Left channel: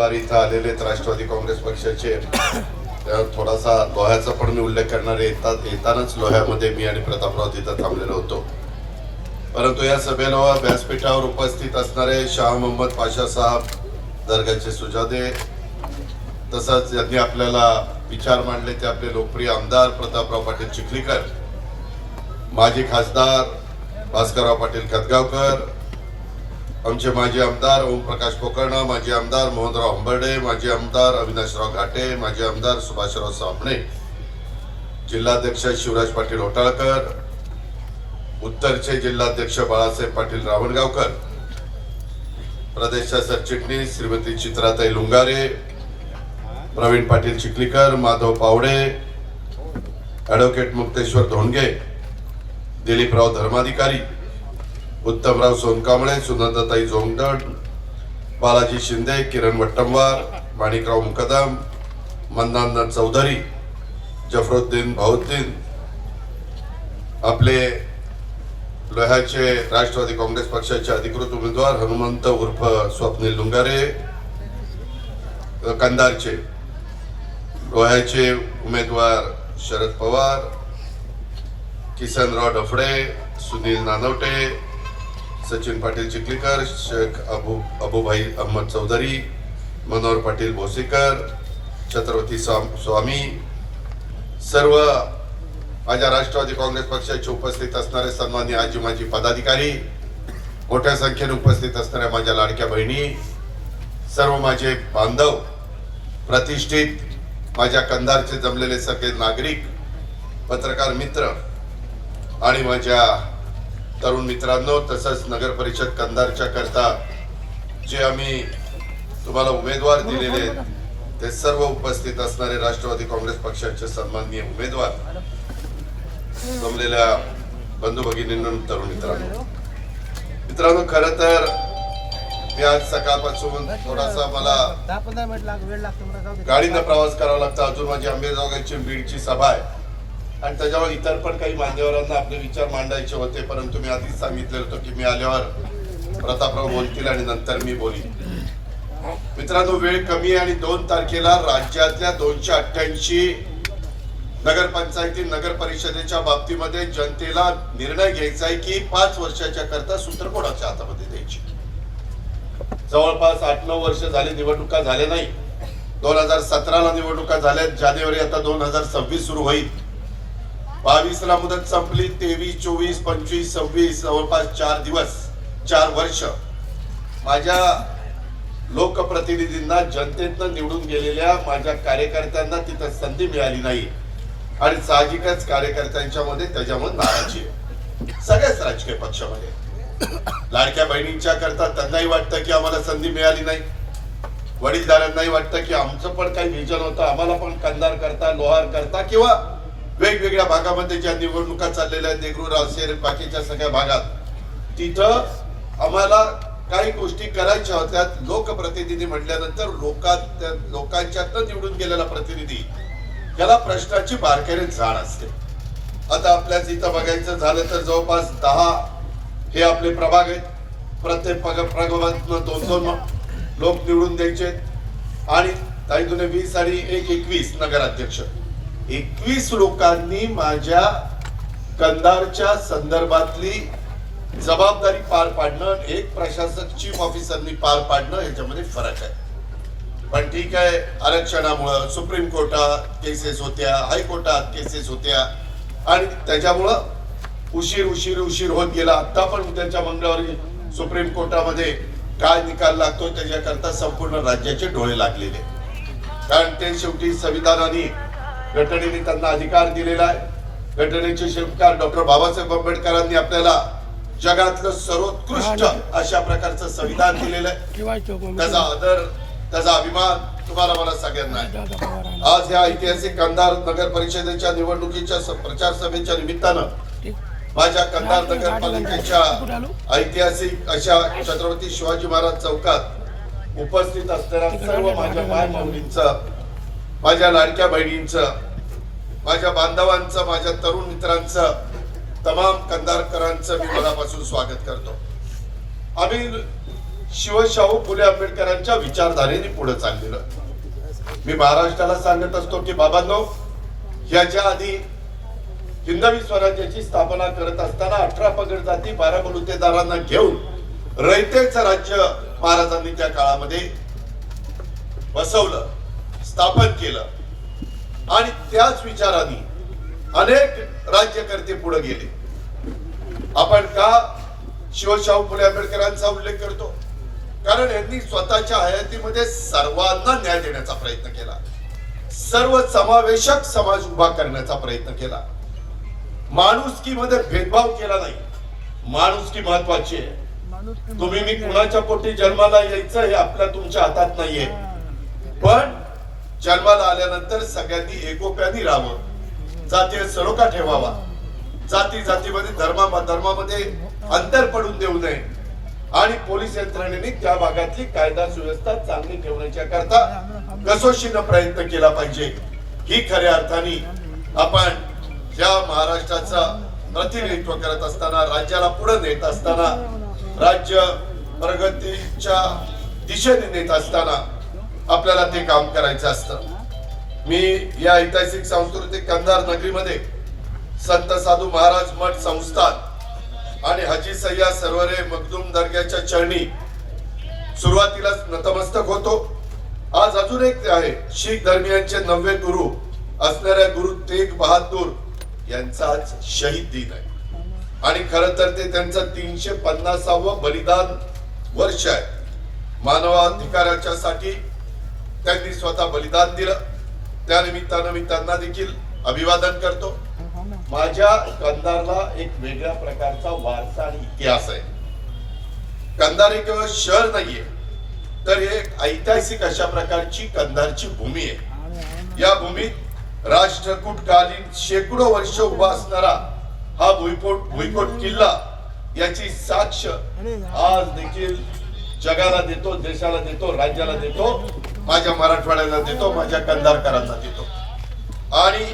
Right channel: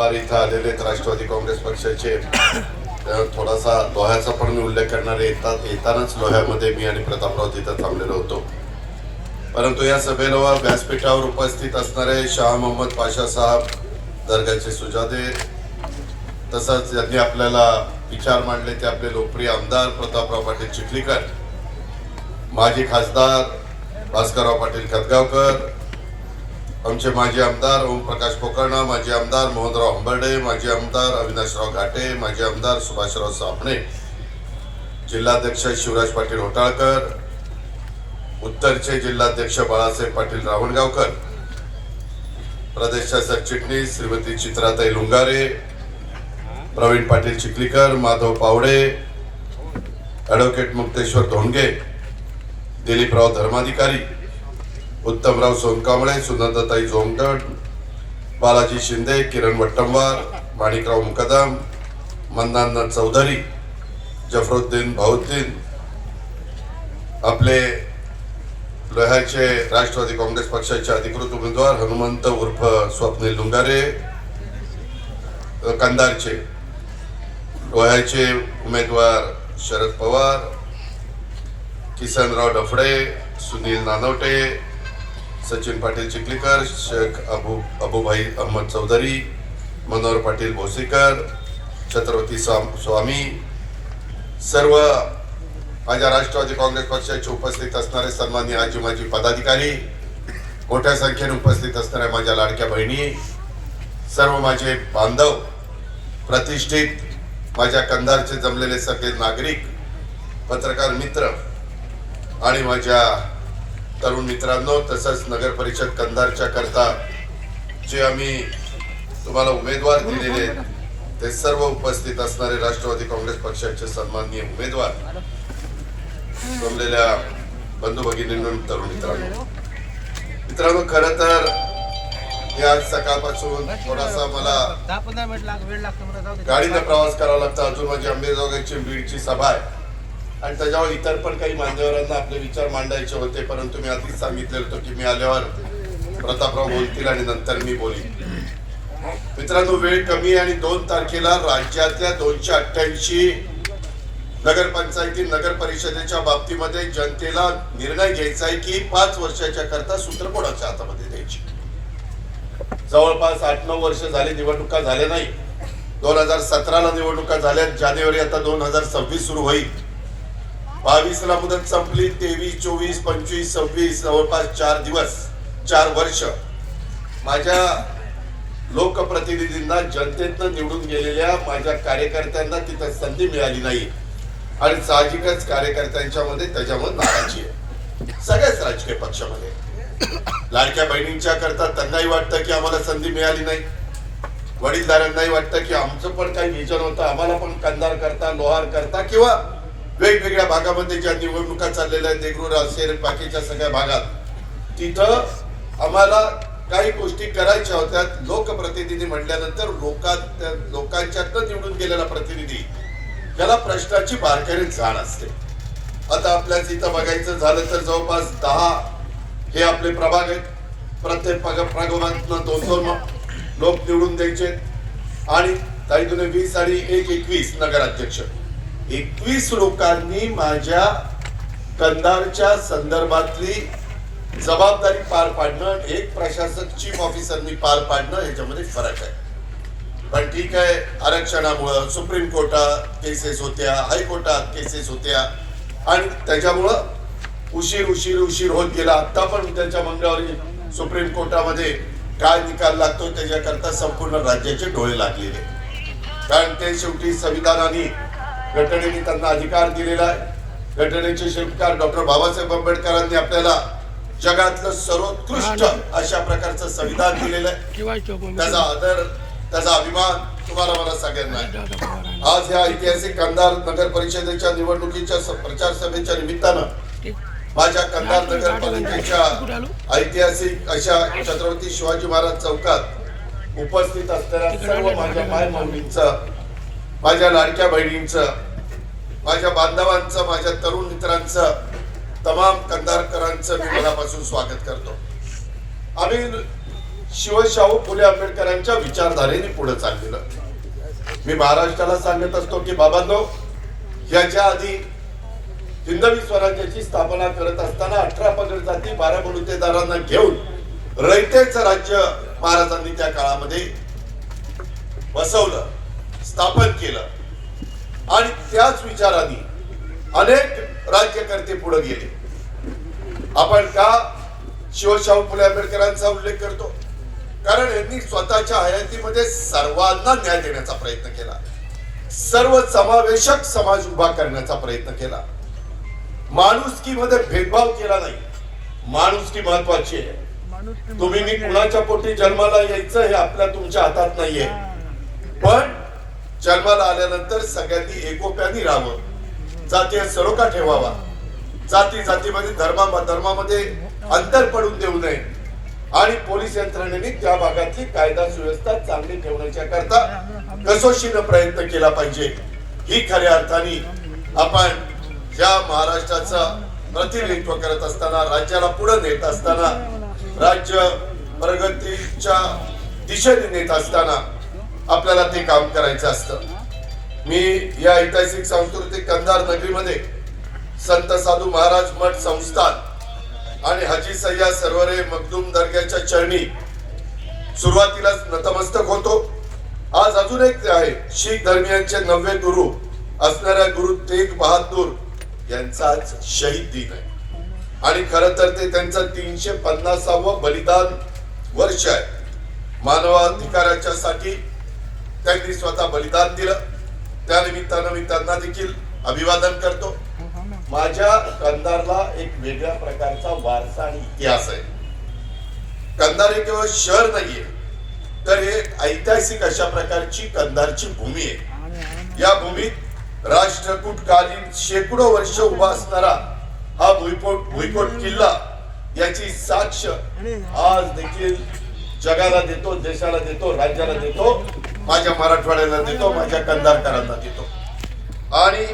उमेदवार इथं आलेले राष्ट्रवादी काँग्रेस पक्षाचे, थोडासा लोह्याचा पण मी उल्लेख करणारे येतानाच लोह्यामध्ये मी आणि प्रतापराव तिथं थांबलेलो होतो. परंतु या सभेला व्यासपीठावर उपस्थित असणारे शाह मोहम्मद पाशा साहेब, दर्गाचे सुजादे, तसंच यांनी आपल्याला विचार मांडले ते आपले लोकप्रिय आमदार प्रतापराव पाटील चिखलीकर, माजी खासदार भास्करराव पाटील खतगावकर, आमचे माजी आमदार ओमप्रकाश पोकर्णा, माजी आमदार मोहनराव हंबर्डे, माजी आमदार अविनाशराव घाटे, माजी आमदार सुभाषराव सापणे, जिल्हाध्यक्ष शिवराज पाटील होटाळकर, उत्तरचे जिल्हाध्यक्ष बाळासाहेब पाटील रावणगावकर, प्रदेशच्या सरचिटणीस श्रीमती चित्राताई लुंगारे, प्रवीण पाटील चिखलीकर, माधव पावडे, ॲडव्होकेट मुक्तेश्वर धोंडगे, दिलीपराव धर्माधिकारी, उत्तमराव सोनकांबळे, सुनंदाताई जोंगदड, बालाजी शिंदे, किरण वट्टंवार, माणिकराव मुकदम, मन्नान चौधरी, जफरुद्दीन भाऊद्दीन, आपले लोह्याचे राष्ट्रवादी काँग्रेस पक्षाचे अधिकृत उमेदवार हनुमंत उर्फ स्वप्नील लुंगारे, कंधारचे लोह्याचे उमेदवार शरद पवार, किसनराव डफडे, सुनील नानवटे, सचिन पाटील चिखलीकर, शेख अबूभाई अहमद चौधरी, मनोहर पाटील भोसीकर, छत्रपती स्वामी, सर्व माझ्या राष्ट्रवादी काँग्रेस पक्षाचे उपस्थित असणारे सन्माननीय आजी माजी पदाधिकारी, मोठ्या संख्येने उपस्थित असणाऱ्या माझ्या लाडक्या बहिणी, सर्व माझे बांधव, प्रतिष्ठित माझ्या कंधारचे जमलेले सगळे नागरिक, पत्रकार मित्र आणि माझ्या तरुण मित्रांनो, तसंच नगर परिषद कंधारच्या करता जे आम्ही तुम्हाला उमेदवार दिलेले ते सर्व उपस्थित असणारे राष्ट्रवादी काँग्रेस पक्षाचे सन्माननीय उमेदवार, जमलेल्या बंधू भगिनींनो, तरुण मित्रांनो, खरं तर आज सकाळपासून थोडासा मला 10-15 मिनिट वेळ लागतो, गाडीने प्रवास करावा लागतो. अजून माझी अंबेजोगाईची बीडची सभा आहे आणि त्याच्यावर इतर पण काही मान्यवरांना आपले विचार मांडायचे होते, परंतु मी आधीच सांगितले होतं की मी आल्यावर प्रतापराव बोलतील आणि नंतर मी बोलीन. मित्रांनो, वेळ कमी आणि 2 तारखेला राज्यातल्या 288 नगरपंचायती नगर परिषदेच्या बाबतीमध्ये जनतेला निर्णय घ्यायचा आहे की 5 वर्षाच्या करता सूत्र कोणाच्या हातामध्ये द्यायची. जवळपास 8-9 वर्ष झाली निवडणुका झाल्या नाही. 2017ला निवडणुका झाल्या, जानेवारी आता 2026 सुरू होईल. 22 ला मुदत संपली, 23, 24, 25, 26 जवळपास 4 दिवस, 4 वर्ष माझ्या लोकप्रतिनिधींना, जनतेतनं निवडून गेलेल्या माझ्या कार्यकर्त्यांना तिथं संधी मिळाली नाही आणि साहजिकच कार्यकर्त्यांच्या मध्ये त्याच्यामध्ये नाराजी आहे सगळ्याच राजकीय पक्षामध्ये. लाडक्या बहिणींच्या करता त्यांनाही वाटतं की आम्हाला संधी मिळाली नाही, वडीलधाऱ्यांनाही वाटतं की आमचं पण काही विजन होतं, आम्हाला पण कंधार करता, लोहार करता किंवा वेगवेगळ्या भागामध्ये ज्या निवडणुका चाललेल्या आहेत, देगलूर असेल, बाकीच्या सगळ्या भागात, तिथं आम्हाला काही गोष्टी करायच्या होत्या. लोकप्रतिनिधी म्हटल्यानंतर लोकांच्यातनं निवडून गेलेला प्रतिनिधी, त्याला प्रश्नाची बारकाईने जाण असते. आता आपल्याच इथं बघायचं झालं तर जवळपास 10 हे आपले प्रभाग आहेत. प्रत्येक प्रभागातनं 2-2 लोक निवडून द्यायचे आणि काही 20 आणि 21 नगराध्यक्ष. 21 लोकांनी माझ्या कंधारच्या संदर्भातली जबाबदारी पार पाडणं, एक प्रशासक चीफ ऑफिसरनी पार पाडणं, याच्यामध्ये फरक आहे. पण ठीक आहे, आरक्षणामुळं सुप्रीम कोर्टात केसेस होत्या, हायकोर्टात केसेस होत्या आणि त्याच्यामुळं उशीर होत गेला. आता पण त्यांच्या मंगळवारी सुप्रीम कोर्टामध्ये काय निकाल लागतो त्याच्याकरता संपूर्ण राज्याचे डोळे लागलेले, कारण ते शेवटी संविधानाने, घटनेने त्यांना अधिकार दिलेला आहे. घटनेचे शिल्पकार डॉक्टर बाबासाहेब आंबेडकरांनी आपल्याला जगातलं सर्वोत्कृष्ट अशा प्रकारचं संविधान दिलेलं आहे. त्याचा आदर, त्याचा अभिमान तुम्हाला मला सगळ्यांना आहे. आज या ऐतिहासिक कंधार नगर परिषदेच्या निवडणुकीच्या प्रचार सभेच्या निमित्तानं माझ्या कंधार नगरपालिकेच्या ऐतिहासिक अशा छत्रपती शिवाजी महाराज चौकात उपस्थित असलेल्या सर्व माझ्या मायमाऊलींचं, माझ्या लाडक्या बहिणींचं, माझ्या बांधवांचं, माझ्या तरुण मित्रांचं, तमाम कंधारकरांचं मी मनापासून स्वागत करतो. आम्ही शिवशाहू फुले आंबेडकरांच्या विचारधारेने पुढे चाललेलं. मी महाराष्ट्राला सांगत असतो की बाबांनो, याच्या आधी हिंदवी स्वराज्याची स्थापना करत असताना 18 पगड जाती 12 बलुतेदारांना घेऊन रयतेचं राज्य महाराजांनी त्या काळामध्ये बसवलं, स्थापन केलं. आणि त्याच विचाराने अनेक राज्यकर्ते पुढे गेले. आपण का शिवशाहू फुले आंबेडकरांचा उल्लेख करतो? कारण यांनी स्वतःच्या हयातीमध्ये सर्वांना न्याय देण्याचा प्रयत्न केला, सर्व समावेशक समाज उभा करण्याचा प्रयत्न केला. माणुसकीमध्ये भेदभाव केला नाही. माणुसकी महत्वाची आहे. तुम्ही मी कुणाच्या पोटी जन्माला यायचं हे आपल्या तुमच्या हातात नाहीये, पण जन्माला आल्यानंतर सगळ्यांनी एकोप्याने राहावं, जातीय सलोखा ठेवावा, जाती जातीमध्ये धर्मामध्ये अंतर पडून देऊ नये आणि पोलीस यंत्रणेने त्या भागातली कायदा सुव्यवस्था चांगली ठेवण्याच्या करता कसोशीनं प्रयत्न केला पाहिजे. ही खऱ्या अर्थाने आपण ज्या महाराष्ट्राचं प्रतिनिधित्व करत असताना, राज्याला पुढे नेत असताना, राज्य प्रगतीच्या दिशेने नेत असताना आपल्याला ते काम करायचं असतं. मी या ऐतिहासिक सांस्कृतिक कंधार नगरीमध्ये संत साधू महाराज मठ संस्थान आणि हाजी सय्यद सरवरे मखदूम दर्ग्याच्या चरणी सुरुवातीलाच नतमस्तक होतो. आज अजून एक आहे, शीख धर्मियांचे 9वे गुरु असणाऱ्या गुरु तेग बहादूर यांचा आज शहीद दिन आहे. आणि खरं तर ते त्यांचं 350वं बलिदान वर्ष आहे. मानवाधिकाराच्या साठी त्यांनी स्वतः बलिदान दिलं. त्या निमित्तानं मी त्यांना देखील अभिवादन करतो. माझ्या कंधारला एक वेगळ्या प्रकारचा वारसा आणि इतिहास आहे. कंधार हे केवळ शहर नाहीये, तर एक ऐतिहासिक अशा प्रकारची कंधारची भूमी आहे. या भूमीत राष्ट्रकूटकालीन शेकडो वर्ष उभा असणारा हा भुईकोट किल्ला याची साक्ष आज देखील जगाला देतो, देशाला देतो, राज्याला देतो, माझ्या मराठवाड्याला देतो, माझ्या कंधारकरांना देतो. आणि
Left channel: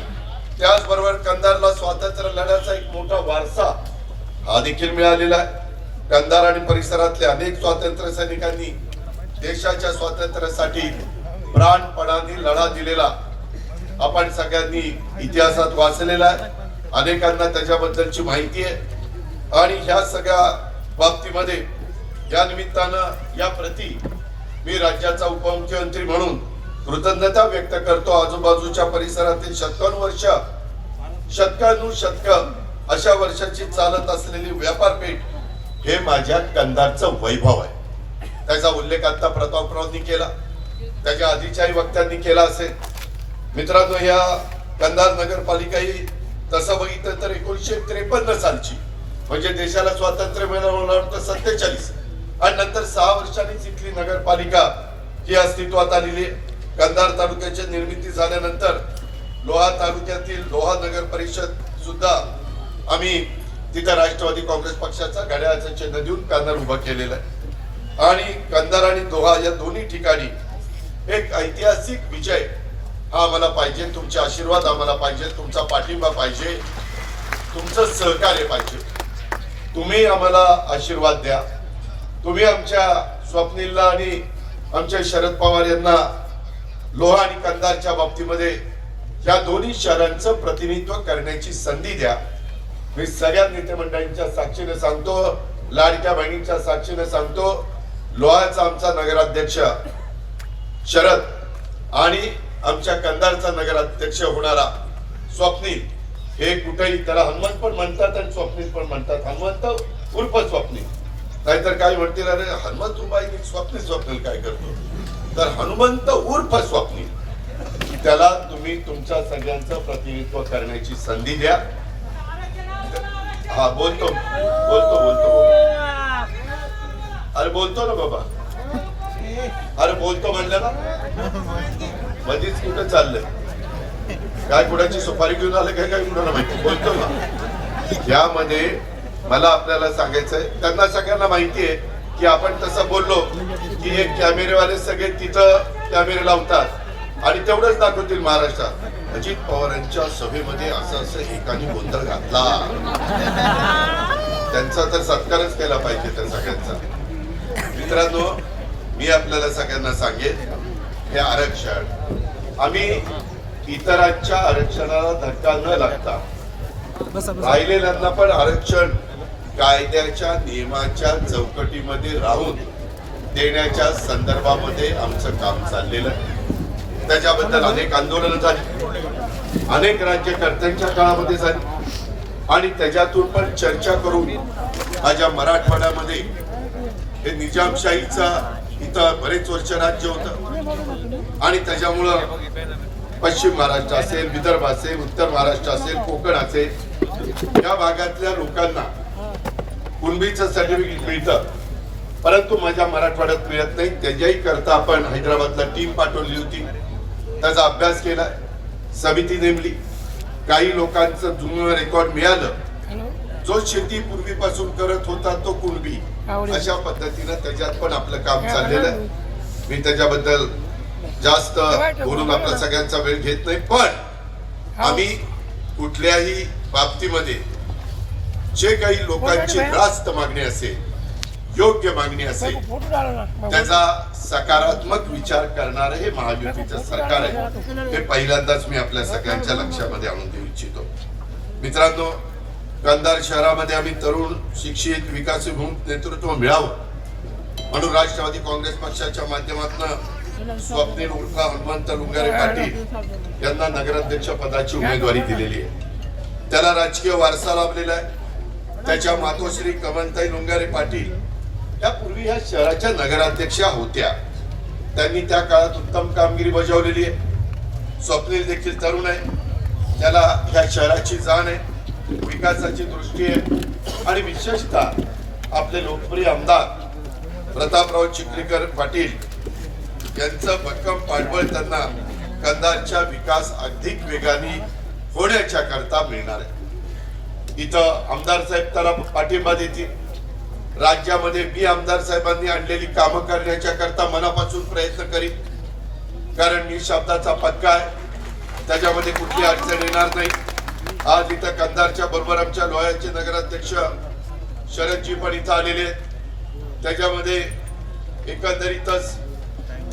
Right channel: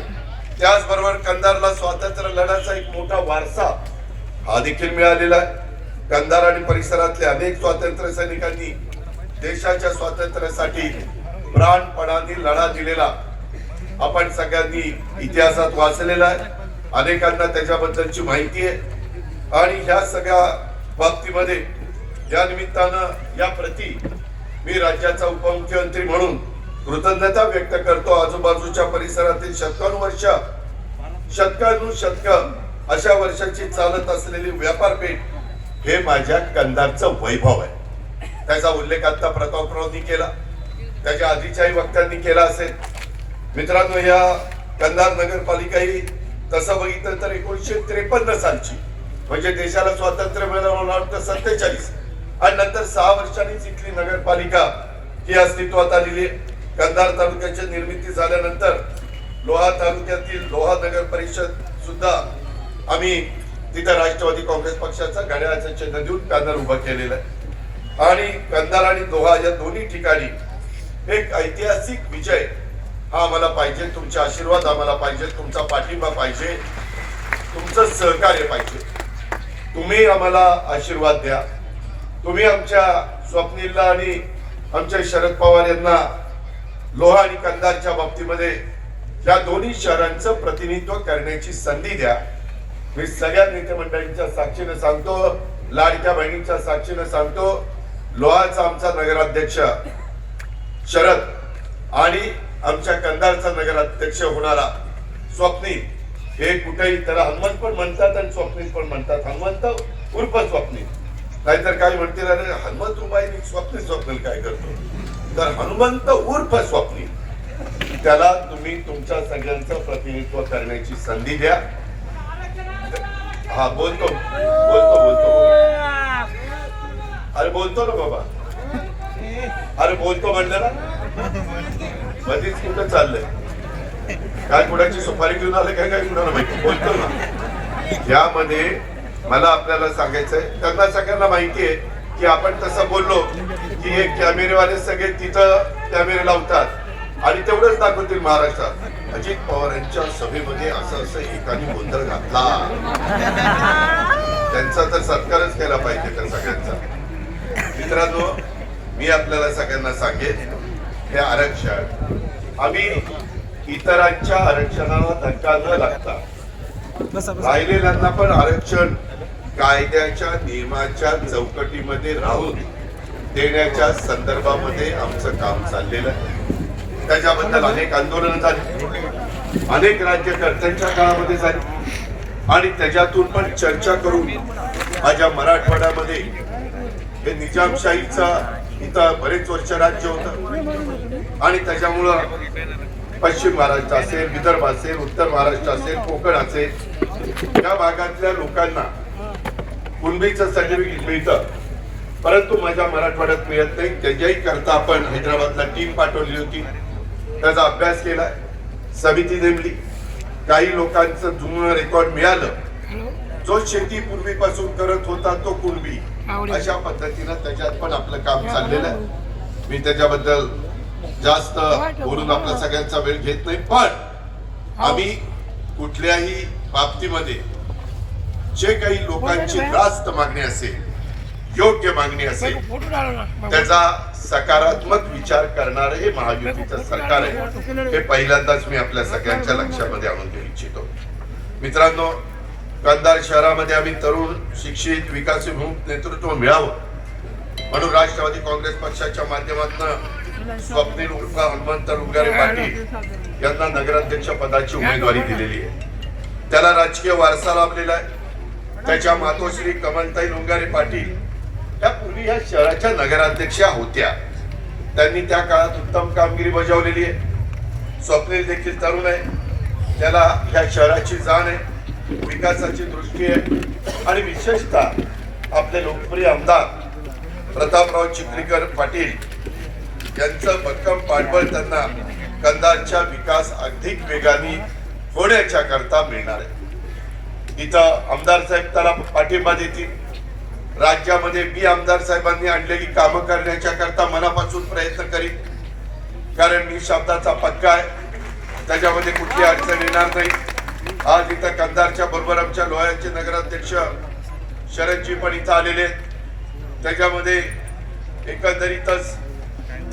त्याचबरोबर कंधारला स्वातंत्र्य लढ्याचा एक मोठा वारसा हा देखील मिळालेला आहे. कंधार आणि परिसरातल्या अनेक स्वातंत्र्य सैनिकांनी देशाच्या स्वातंत्र्यासाठी प्राणपणाने लढा दिलेला आपण सगळ्यांनी इतिहासात वाचलेला आहे. अनेकांना त्याच्याबद्दलची माहिती आहे. आणि ह्या सगळ्या बाबतीमध्ये या निमित्तानं या प्रती मी राज्याचा उपमुख्यमंत्री म्हणून कृतज्ञता व्यक्त करतो. आजूबाजूच्या परिसरातील शतकानुशतक अशा वर्षाची चालत असलेली व्यापारपेठ हे माझ्या कंधारचं वैभव आहे. त्याचा उल्लेख आता प्रतापरावांनी केला, त्याच्या आधीच्याही वक्त्यांनी केला असेल. मित्रांनो, या कंधार नगरपालिका ही तसं बघितलं तर 1953 सालची, म्हणजे देशाला स्वातंत्र्य मिळालं 47 आणि नंतर 6 वर्षांनीच इथली नगरपालिका ही अस्तित्वात आलेली. कंधार तालुक्याची निर्मिती झाल्यानंतर लोहा तालुक्यातील लोहा नगर परिषद सुद्धा आम्ही तिथे राष्ट्रवादी काँग्रेस पक्षाचा घड्याळाचं चिन्ह देऊन पॅनल उभं केलेलं आहे. आणि कंधार आणि लोहा या दोन्ही ठिकाणी एक ऐतिहासिक विजय हा आम्हाला पाहिजे. तुमचे आशीर्वाद आम्हाला पाहिजे, तुमचा पाठिंबा पाहिजे, तुमचं सहकार्य पाहिजे. तुम्ही आम्हाला आशीर्वाद द्या. तुम्ही आमच्या स्वप्नीलला आणि आमच्या शरद पवार यांना लोहा आणि कंधारच्या बाबतीमध्ये या दोन्ही शहरांचं प्रतिनिधित्व करण्याची संधी द्या. मी सगळ्या नेते मंडळींच्या साक्षीने सांगतो, लाडक्या बहिणींच्या साक्षीने सांगतो, लोहाचा आमचा नगराध्यक्ष शरद आणि आमच्या कंधारचा नगराध्यक्ष होणारा स्वप्नील, हे कुठेही त्याला हनुमंत पण म्हणतात आणि स्वप्नील पण म्हणतात. हनुमंत उर्फ स्वप्नील, नाहीतर काय म्हणतील, अरे हनुमंत रुबाई स्वप्नील काय करतो, तर हनुमंत उर्फ स्वप्नील, त्याला तुम्ही तुमच्या सगळ्यांचं प्रतिनिधित्व करण्याची संधी द्या. हा बोलतो अरे बोलतो ना बाबा, अरे बोलतो म्हणलं ना, मध्येच कुठं चाललंय, काय कुणाची सुपारी घेऊन आलं काय काय कुणाला माहिती, बोलतो ना. यामध्ये मला आपल्याला सांगायचंय, त्यांना सगळ्यांना माहिती आहे की आपण तसं बोललो की हे कॅमेरेवाले सगळे तिथं कॅमेरे लावतात आणि तेवढंच दाखवतील महाराष्ट्रात. अजित पवार यांच्या सभेमध्ये असं एकाने गोंधळ घातला, त्यांचा तर सत्कारच केला पाहिजे त्या सगळ्यांचा. मित्रांनो, मी आपल्याला सगळ्यांना सांगेन, हे आरक्षण आम्ही इतरांच्या आरक्षणाला धक्का न लागता राहिलेल्यांना पण आरक्षण कायद्याच्या नियमाच्या चौकटीमध्ये राहून देण्याच्या संदर्भामध्ये आमचं काम चाललेलं आहे. त्याच्याबद्दल अनेक आंदोलनं झाली, अनेक राज्यकर्त्यांच्या काळामध्ये झाली आणि त्याच्यातून पण चर्चा करून माझ्या मराठवाड्यामध्ये हे निजामशाहीचा इथं बरेच वर्ष राज्य होतं आणि त्याच्यामुळं पश्चिम महाराष्ट्र असेल, विदर्भ असेल, उत्तर महाराष्ट्र असेल, कोकण असेल, या भागातल्या लोकांना कुणबीचं सर्टिफिकेट मिळतं, परंतु माझ्या मराठवाड्यात मिळत नाही. त्याच्याही करता आपण हैदराबादला टीम पाठवली होती, त्याचा अभ्यास केला, समिती नेमली, काही लोकांचं जुनं रेकॉर्ड मिळालं, जो शेती पूर्वीपासून करत होता तो कुणबी, अशा पद्धतीनं त्याच्यात पण आपलं काम चाललेलं आहे. मी त्याच्याबद्दल जास्त बोलून आपला सगळ्यांचा वेळ घेत नाही, पण आम्ही कुठल्याही बाबतीमध्ये जे काही लोकांची रास्त मागणी असेल, योग्य मागणी असेल, त्याचा सकारात्मक विचार करणारे हे महायुतीचं सरकार आहे, हे पहिल्यांदाच मी आपल्या सगळ्यांच्या लक्षामध्ये आणून देऊ इच्छितो. मित्रांनो, कंधार शहरामध्ये आम्ही तरुण, शिक्षित, विकासोन्मुख नेतृत्व मिळावं म्हणून राष्ट्रवादी काँग्रेस पक्षाच्या माध्यमातून स्वप्नील उर्फ हनुमंत लुंगारे पाटील यांना नगराध्यक्ष पदाची उमेदवारी दिलेली आहे. त्याला राजकीय वारसा लाभलेला आहे. त्याच्या मातोश्री कमलताई लुंगारे पाटील या पूर्वी या शहराच्या नगराध्यक्षा होत्या. त्यांनी त्या काळात उत्तम कामगिरी बजावलेली आहे. स्वप्नील देखील तरुण आहे, त्याला या शहराची जाण आहे, विकासाची दृष्टी आहे आणि विशेषतः आपले लोकप्रिय आमदार प्रतापराव चिखलीकर पाटील यांचं भक्कम पाठबळ त्यांना कंधारच्या विकास अधिक वेगाने होण्याच्या करता मिळणार आहे. इथं आमदार साहेब त्याला पाठिंबा देतील. राज्यामध्ये मी आमदार साहेबांनी आणलेली कामं करण्याच्या करता मनापासून प्रयत्न करीन, कारण मी शब्दाचा पक्का आहे, त्याच्यामध्ये कुठली अडचण येणार नाही. आज इथं कंधारच्या बरोबर आमच्या लोह्याचे नगराध्यक्ष शरदजी पण इथं आलेले आहेत. त्याच्यामध्ये एकंदरीतच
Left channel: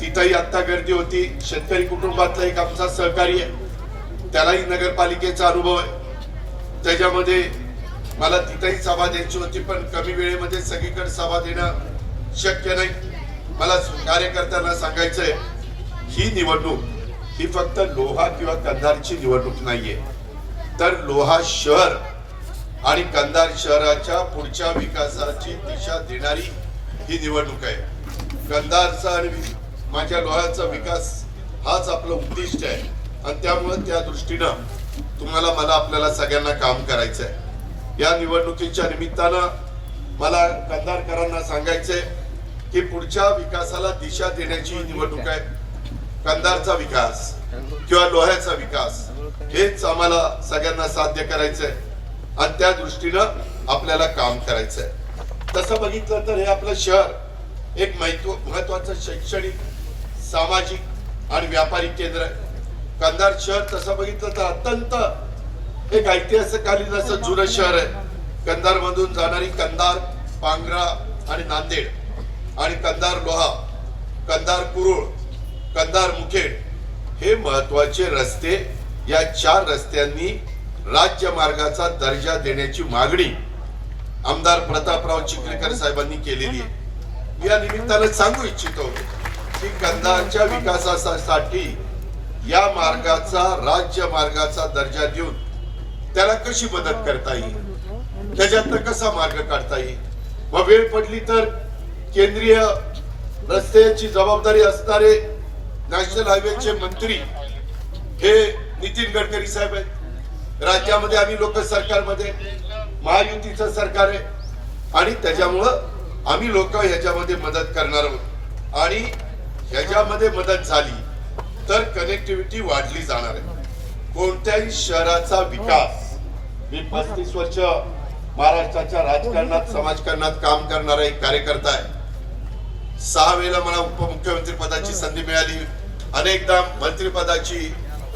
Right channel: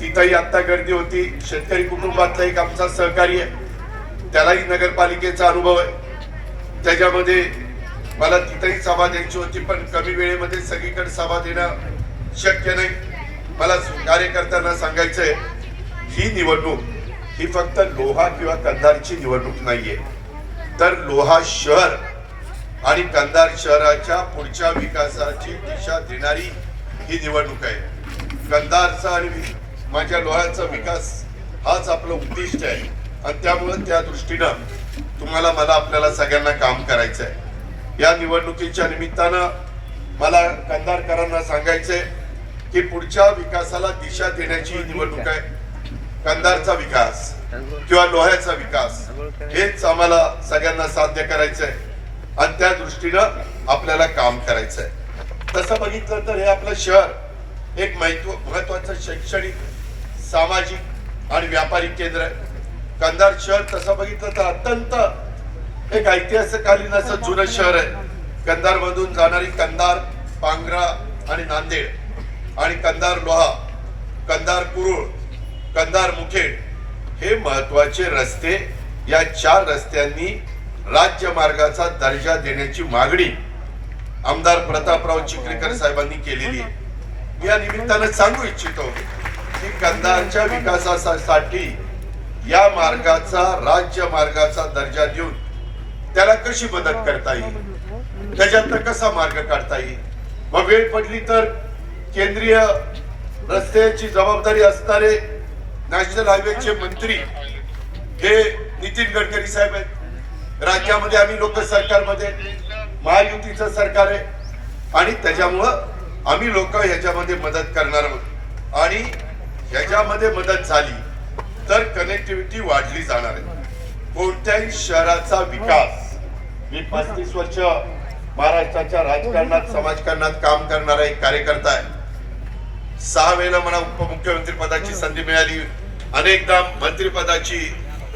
तिथंही आता गर्दी होती. शेतकरी कुटुंबातला एक आमचा सहकारी आहे, त्यालाही नगरपालिकेचा अनुभव आहे. त्याच्यामध्ये मला तिथंही सभा द्यायची होती, पण कमी वेळेमध्ये सगळीकडे सभा देणं शक्य नाही. मला कार्यकर्त्यांना सांगायचंय, ही निवडणूक ही फक्त लोहा किंवा कंधारची निवडणूक नाहीये, तर लोहा शहर आणि कंधार शहराच्या पुढच्या विकासाची दिशा देणारी ही निवडणूक आहे. कंधारचा आणि माझ्या लोह्याचा विकास हाच आपलं उद्दिष्ट आहे आणि त्यामुळे त्या दृष्टीनं तुम्हाला मला आपल्याला सगळ्यांना काम करायचं आहे. या निवडणुकीच्या निमित्तानं मला कंधारकरांना सांगायचंय की पुढच्या विकासाला दिशा देण्याची निवडणूक आहे. कंधारचा विकास किंवा लोह्याचा विकास हेच आम्हाला सगळ्यांना साध्य करायचंय आणि त्या दृष्टीनं आपल्याला काम करायचंय. तसं बघितलं तर हे आपलं शहर एक महत्वाचं शैक्षणिक, सामाजिक आणि व्यापारी केंद्र आहे. कंधार शहर तसं बघितलं तर अत्यंत एक ऐतिहासिककालीन असं जुनं शहर आहे. कंधार मधून जाणारी कंधार, पांगरा आणि नांदेड आणि कंधार लोहा, कंधार कुरुळ, कंधार मुखेड हे महत्वाचे रस्ते, या 4 रस्त्यांनी राज्य मार्गाचा दर्जा देण्याची मागणी आमदार प्रतापराव चिखलीकर साहेबांनी केलेली आहे. या निमित्तानं सांगू इच्छितो की कंधारच्या विकासासाठी या मार्गाचा राज्य मार्गाचा दर्जा देऊन त्याला कशी मदत करता येईल, त्याच्यातनं कसा मार्ग काढता येईल. मग वेळ पडली तर केंद्रीय रस्त्याची जबाबदारी असणारे नॅशनल हायवेचे मंत्री हे नितीन गडकरी साहेब आहेत. राज्यामध्ये आम्ही लोक सरकारमध्ये, महायुतीचं सरकार आहे आणि त्याच्यामुळं आम्ही लोक ह्याच्यामध्ये मदत करणार आहोत आणि ह्याच्यामध्ये मदत झाली तर कनेक्टिव्हिटी वाढली जाणार आहे. कोणत्याही शहराचा विकास, मी 35 वर्ष महाराष्ट्राच्या राजकारणात, समाजकारणात काम करणारा एक कार्यकर्ता आहे. 6 वेळेला मला उपमुख्यमंत्री पदाची संधी मिळाली, अनेकदा मंत्रिपदाची,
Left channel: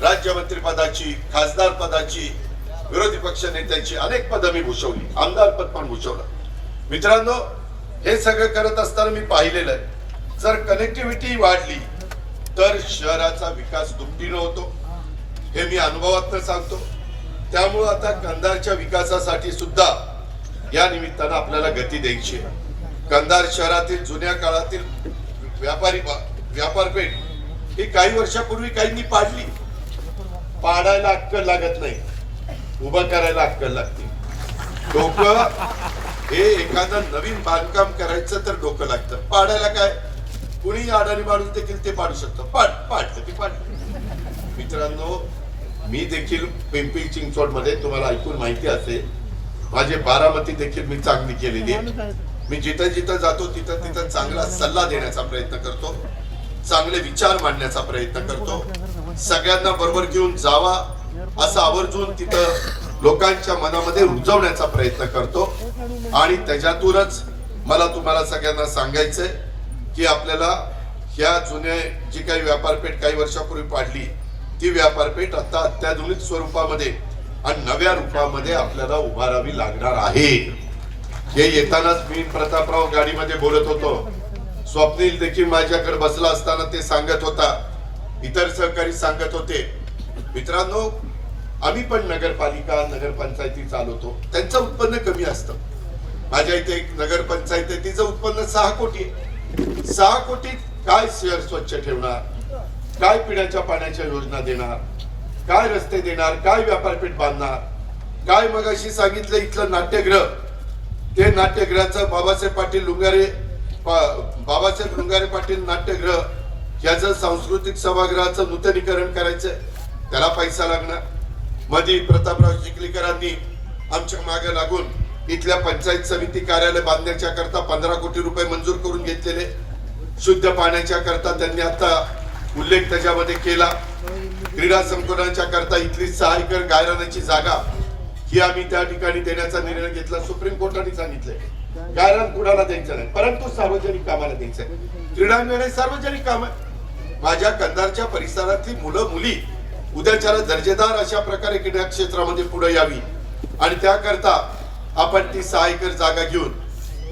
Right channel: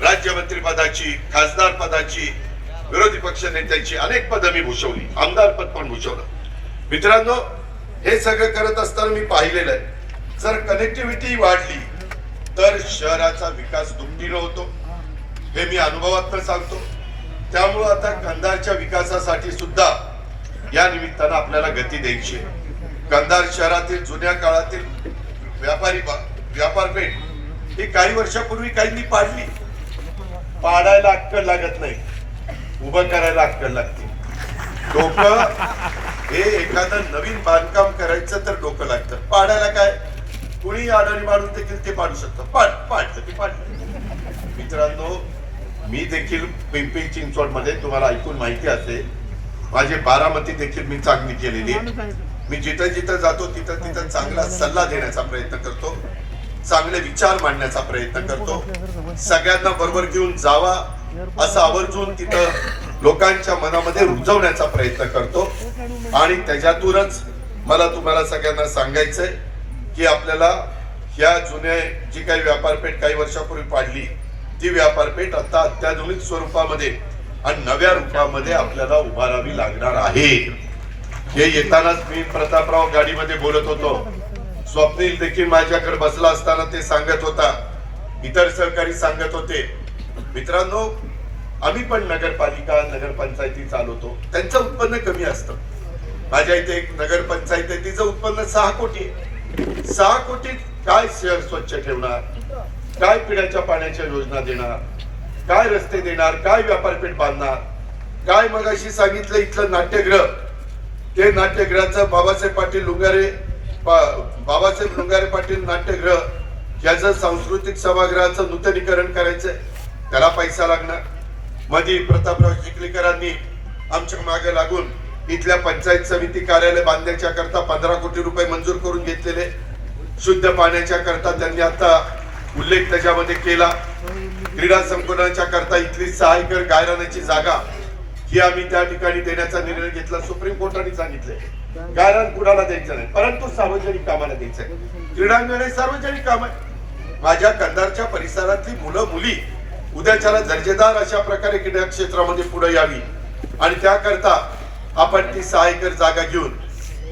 राज्यमंत्री पदाची, खासदार पदाची, विरोधी पक्ष नेत्याची अनेक पदं मी भूषवली, आमदार पद पण भूषवलं. मित्रांनो, हे सगळं करत असताना मी पाहिलेलं आहे, जर कनेक्टिव्हिटी वाढली तर शहराचा विकास दुपटीने होतो, हे मी अनुभवातून सांगतो. त्यामुळं आता कंधारच्या विकासासाठी सुद्धा या निमित्तानं आपल्याला गती द्यायची आहे. कंधार शहरातील जुन्या काळातील व्यापारपेठ ही काही वर्षापूर्वी काहींनी पाडली. पाडायला अक्कल लागत नाही, उभं करायला अक्कल लागते. डोकं हे एखादं नवीन बांधकाम करायचं तर डोकं लागतं, पाडायला काय कुणी अडाणी माणूस देखील ते पाडू शकतं. पाडलं की पाडलं. मित्रांनो, मी देखील पिंपरी चिंचवड मध्ये तुम्हाला ऐकून माहिती असेल, माझी बारामती देखील मी चांगली केलेली आहे. मी जिथं जिथं जातो तिथं तिथं चांगला सल्ला देण्याचा प्रयत्न करतो, चांगले विचार मांडण्याचा प्रयत्न करतो, सगळ्यांना बरोबर घेऊन जावा असं आवर्जून तिथं लोकांच्या मनामध्ये रुजवण्याचा प्रयत्न करतो. आणि त्याच्यातूनच मला तुम्हाला सगळ्यांना सांगायचंय की आपल्याला ह्या जुन्या जी काही व्यापारपेठ काही वर्षापूर्वी पाडली ती व्यापारपेठ आता अत्याधुनिक स्वरूपामध्ये आणि नव्या रूपामध्ये आपल्याला उभारावी लागणार आहे. हे येतानाच मी प्रतापराव गाडीमध्ये बोलत होतो, स्वप्नील देखील माझ्याकडे बसला असताना ते सांगत होता, इतर सहकारी सांगत होते, मित्रांनो आम्ही पण नगरपालिका नगरपंचायती चालवतो, त्यांचं उत्पन्न कमी असतं. माझ्या इथे एक नगरपंचायत आहे, तिचं उत्पन्न 6 कोटी आहे. 6 कोटीत काय शहर स्वच्छ ठेवणार, काय पिण्याच्या पाण्याच्या योजना देणार, काय रस्ते देणार, काय व्यापारपेठ बांधणार, काय मगाशी सांगितलं इथलं नाट्यगृह, ते नाट्यगृहाचं बाबासाहेब लुंगारे पाटील नाट्यगृह याचं सांस्कृतिक सभागृहाचं नूतनीकरण करायचंय, त्याला पैसा लागणार. मध्ये प्रतापराव चिखलीकरांनी आमच्या मागे लागून इथल्या पंचायत समिती कार्यालय बांधण्याच्या करता 15 कोटी रुपये मंजूर करून घेतलेले. शुद्ध पाण्याच्या करता त्यांनी आता उल्लेख त्याच्यामध्ये केला. क्रीडा संकुलाच्या करता इथली 6 एकर गायरानाची जागा ही आम्ही त्या ठिकाणी देण्याचा निर्णय घेतला. सुप्रीम कोर्टाने सांगितलंय गायरान कुणाला द्यायचं नाही, परंतु सार्वजनिक कामाला द्यायचंय. क्रीडांगण हे सार्वजनिक काम आहे. माझ्या कंधारच्या परिसरातली मुलं मुली उद्याच्याला दर्जेदार अशा प्रकारे क्रीडा क्षेत्रामध्ये पुढे यावी आणि त्याकरता आपण ती 6 एकर जागा घेऊन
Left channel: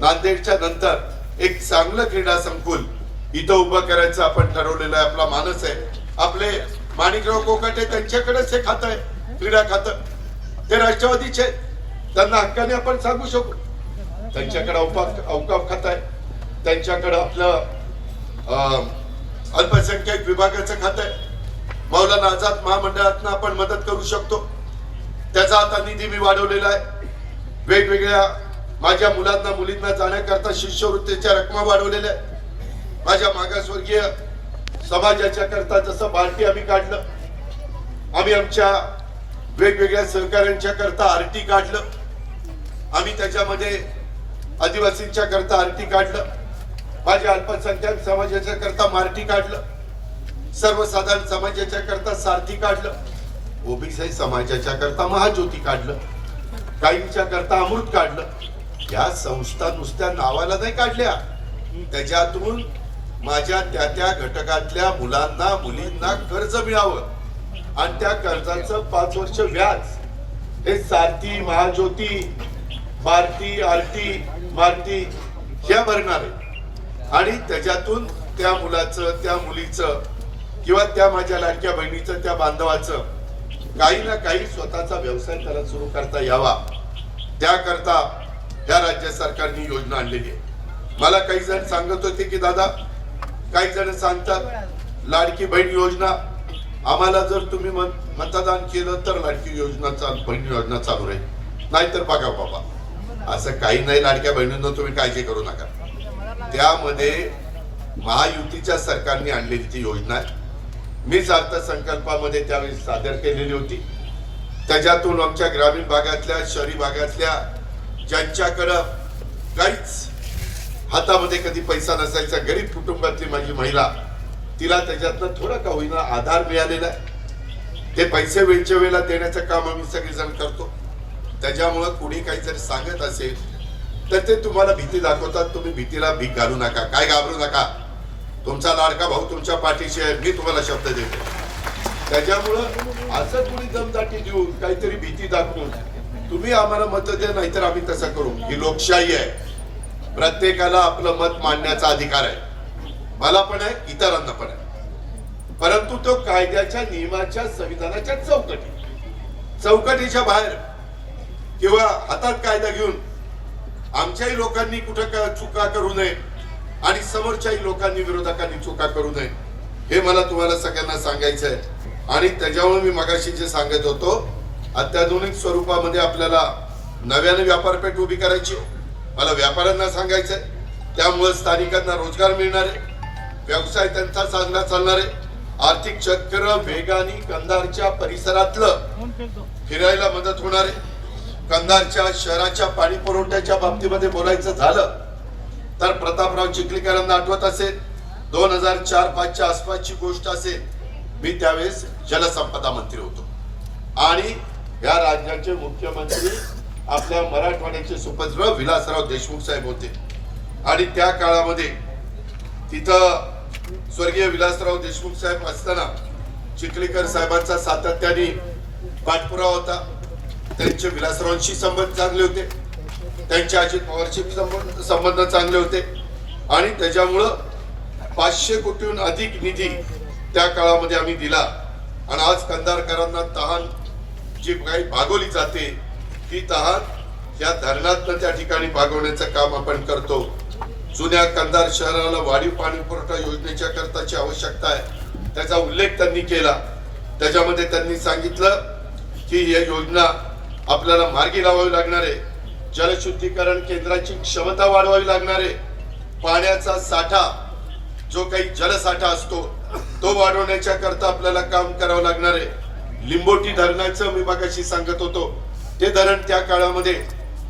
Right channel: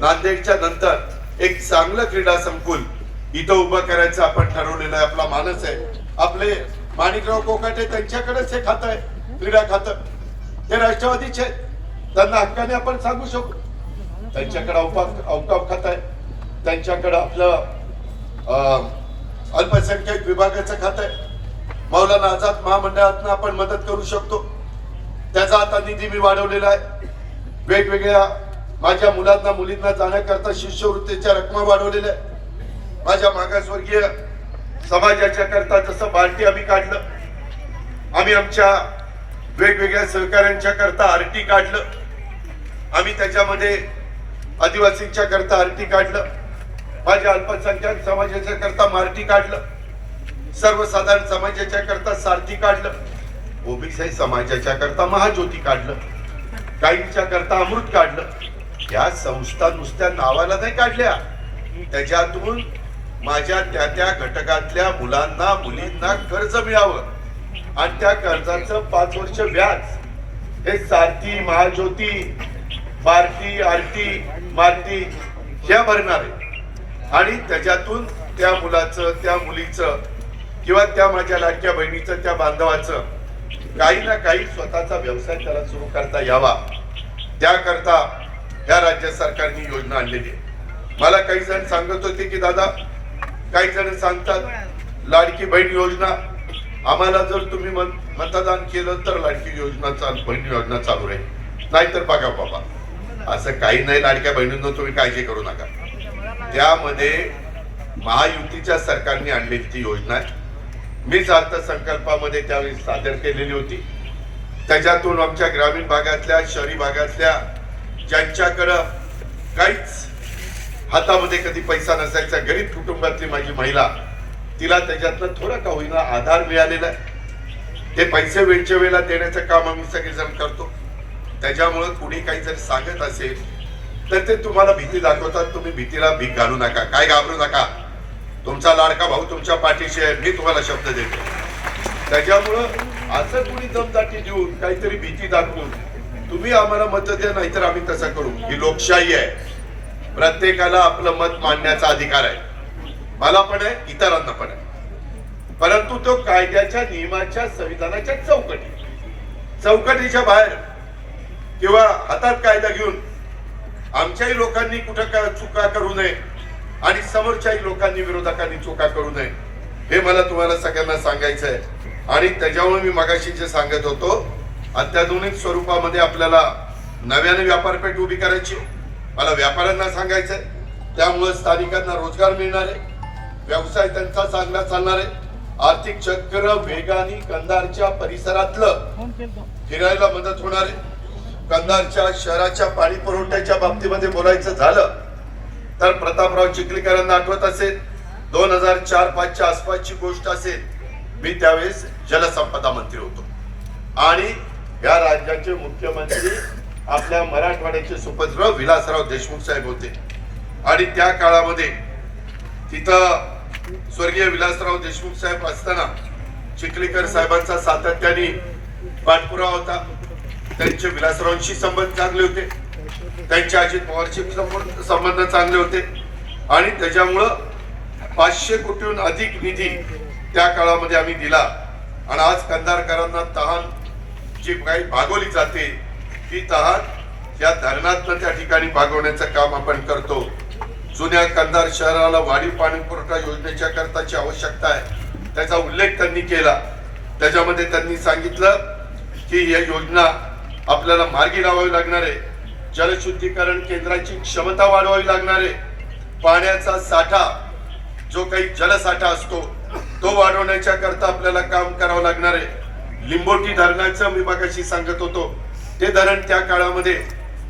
नांदेडच्या नंतर एक चांगलं क्रीडा संकुल इथं उभं करायचं आपण ठरवलेलं आहे. आपला मानस आहे. आपले माणिकराव कोकाटे त्यांच्याकडेच हे खातं आहे, क्रीडा खातं. ते राष्ट्रवादीचे, त्यांना हक्काने आपण सांगू शकू. त्यांच्याकडे अवकाफ खातं आहे, त्यांच्याकडे आपलं अल्पसंख्याक विभागाचं खातं आहे. मौलाना आझाद महामंडळातनं आपण मदत करू शकतो, त्याचा आता निधी मी वाढवलेला आहे. वेगवेगळ्या माझ्या मुलांना मुलींना जाण्याकरता शिष्यवृत्तीच्या रकमा वाढवलेल्या आहेत. माझ्या मागासवर्गीय समाजाच्या करता जसं बार्टी आम्ही काढलं, आम्ही आमच्या वेगवेगळ्या सहकाऱ्यांच्या करता आरटी काढलं, आम्ही त्याच्यामध्ये आदिवासींच्या करता आरटी काढलं, माझ्या अल्पसंख्याक समाजाच्या करता मारटी काढलं, सर्वसाधारण समाजाच्या करता सारथी काढलं, ओबीसी समाजाच्या करता महाज्योती काढलं, काहींच्या करता अमृत काढलं. या संस्था नुसत्या नावाला नाही काढल्या, त्याच्यातून माझ्या त्या घटकातल्या मुलांना मुलींना कर्ज मिळावं आणि त्या कर्जाचं 5 वर्ष व्याज हे सारथी महाज्योती बार्टी आरटी मारती ह्या भरणार आहे. आणि त्याच्यातून त्या मुलाचं त्या मुलीचं किंवा त्या माझ्या लाडक्या बहिणीचं त्या बांधवाचं काही ना काही स्वतःचा व्यवसाय त्याला सुरू करता यावा, त्याकरता या राज्य सरकारने योजना आणलेली आहे. मला काही जण सांगत होते की दादा, काही जण सांगतात लाडकी बहीण योजना, आम्हाला जर तुम्ही मतदान केलं तर लाडकी बहीण योजना चालू राहील, नाहीतर बघा बाबा असं काही नाही. लाडक्या बहिणींना तुम्ही काळजी करू नका. त्यामध्ये महायुतीच्या सरकारने आणलेली ती योजना आहे. मीच अर्थसंकल्पामध्ये त्यावेळी सादर केलेली होती. त्याच्यातून आमच्या ग्रामीण भागातल्या शहरी भागातल्या ज्यांच्याकडं काहीच हातामध्ये कधी पैसा नसायचा, गरीब कुटुंबातली माझी महिला, तिला त्याच्यातनं थोडं का होईना आधार मिळालेला आहे. ते पैसे वेळच्या वेळेला देण्याचं काम आम्ही सगळेजण करतो. त्याच्यामुळं कुणी काही जर सांगत असेल तर ते तुम्हाला भीती दाखवतात. तुम्ही भीतीला भीक घालू नका, काय घाबरू नका. तुमचा लाडका भाऊ तुमच्या पाठीशी आहे, मी तुम्हाला शब्द देतो. त्याच्यामुळं असं कुणी दमदाटी देऊन काहीतरी भीती दाखवून तुम्ही आम्हाला मत द्या, नाहीतर आम्ही तसं करू. ही लोकशाही आहे. प्रत्येकाला आपलं मत मांडण्याचा अधिकार आहे, मला पण आहे, इतरांना पण आहे. परंतु तो कायद्याच्या नियमाच्या संविधानाच्या चौकटीच्या बाहेर किंवा हातात कायदा घेऊन आमच्याही लोकांनी कुठं चुका करू नये आणि समोरच्याही लोकांनी विरोधकांनी चुका करू नये, हे मला तुम्हाला सगळ्यांना सांगायचं आहे. आणि त्याच्यामुळे मी मगाशी जे सांगत होतो, अत्याधुनिक स्वरूपामध्ये आपल्याला नव्याने व्यापारपेठ उभी करायची, मला व्यापाऱ्यांना सांगायचंय. त्यामुळे स्थानिकांना रोजगार मिळणार आहे, व्यवसाय त्यांचा चांगला चालणार आहे, आर्थिक चक्र वेगाने कंधारच्या परिसरातलं फिरायला मदत होणार आहे. कंधारच्या शहराच्या पाणी पुरवठ्याच्या बाबतीमध्ये बोलायचं झालं तर प्रतापराव चिखलीकरांना आठवत असेल, 2004-5च्या आसपासची गोष्ट असेल, मी त्यावेळेस जलसंपदा मंत्री होतो आणि या राज्याचे मुख्यमंत्री आपल्या मराठवाड्याचे सुपुत्र विलासराव देशमुख साहेब होते. आणि त्या काळामध्ये तिथं स्वर्गीय विलासराव देशमुख साहेब असताना चिखलीकर साहेबांचा सातत्याने पाठपुरावा होता. त्यांचे विलासरावांशी संबंध चांगले होते, त्यांच्या अजित पवारशी संबंध चांगले होते आणि त्याच्यामुळं 500 कोटीहून अधिक निधी त्या काळामध्ये आम्ही दिला. आणि आज कंधारकरांना तहान जी काही भागवली जाते ती तहान या धरणातनं त्या ठिकाणी भागवण्याचं काम आपण करतो. जुन्या कंधार शहराला वाढीव पाणी पुरवठा योजनेच्या करताची आवश्यकता आहे, त्याचा उल्लेख त्यांनी केला. त्याच्यामध्ये त्यांनी सांगितलं की ही योजना आपल्याला मार्गी लावावी लागणार आहे, जलशुद्धीकरण केंद्राची क्षमता वाढवावी लागणार आहे, पाण्याचा साठा जो काही जलसाठा असतो तो वाढवण्याच्या करता आपल्याला काम करावं लागणार आहे. लिंबोटी धरणाचं मी मगाशी सांगत होतो, ते धरण त्या काळामध्ये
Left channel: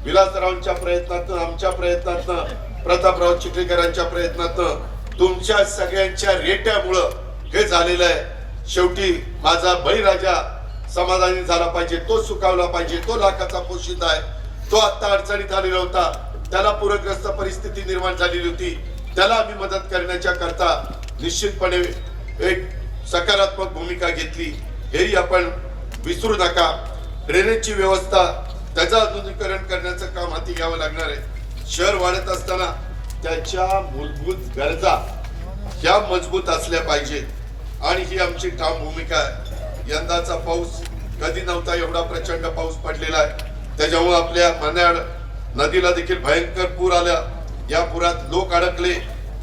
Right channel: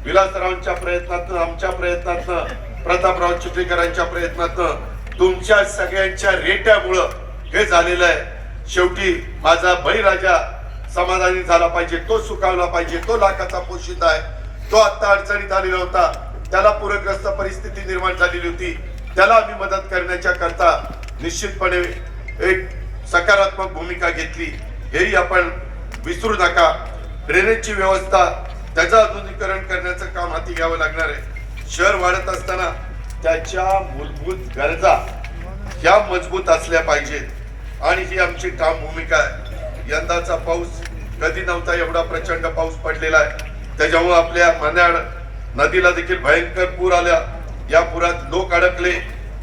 विलासरावांच्या प्रयत्नातनं, आमच्या प्रयत्नातनं, प्रतापराव चिखलीकरांच्या प्रयत्नातनं, तुमच्या सगळ्यांच्या रेट्यामुळं हे झालेलं आहे. शेवटी माझा बळीराजा समाधानी झाला पाहिजे, तो सुखावला पाहिजे, तो लाखाचा पोशिंदा आहे, तो आता अडचणीत आलेला होता, त्याला पूरग्रस्त परिस्थिती निर्माण झालेली होती, त्याला आम्ही मदत करण्याच्या करता निश्चितपणे एक सकारात्मक भूमिका घेतली, हेही आपण विसरू नका. ड्रेनेजची व्यवस्था, त्याचं आधुनिकीकरण करण्याचं काम हाती घ्यावं लागणार आहे. शहर वाढत असताना त्याच्या मूलभूत गरजा ह्या मजबूत असल्या पाहिजेत आणि ही आमची ठाम भूमिका आहे. यंदाचा पाऊस कधी नव्हता एवढा प्रचंड पाऊस पडलेला आहे, त्याच्यामुळे आपल्या मन्याड नदीला देखील भयंकर पूर आला. या पुरात लोक अडकले,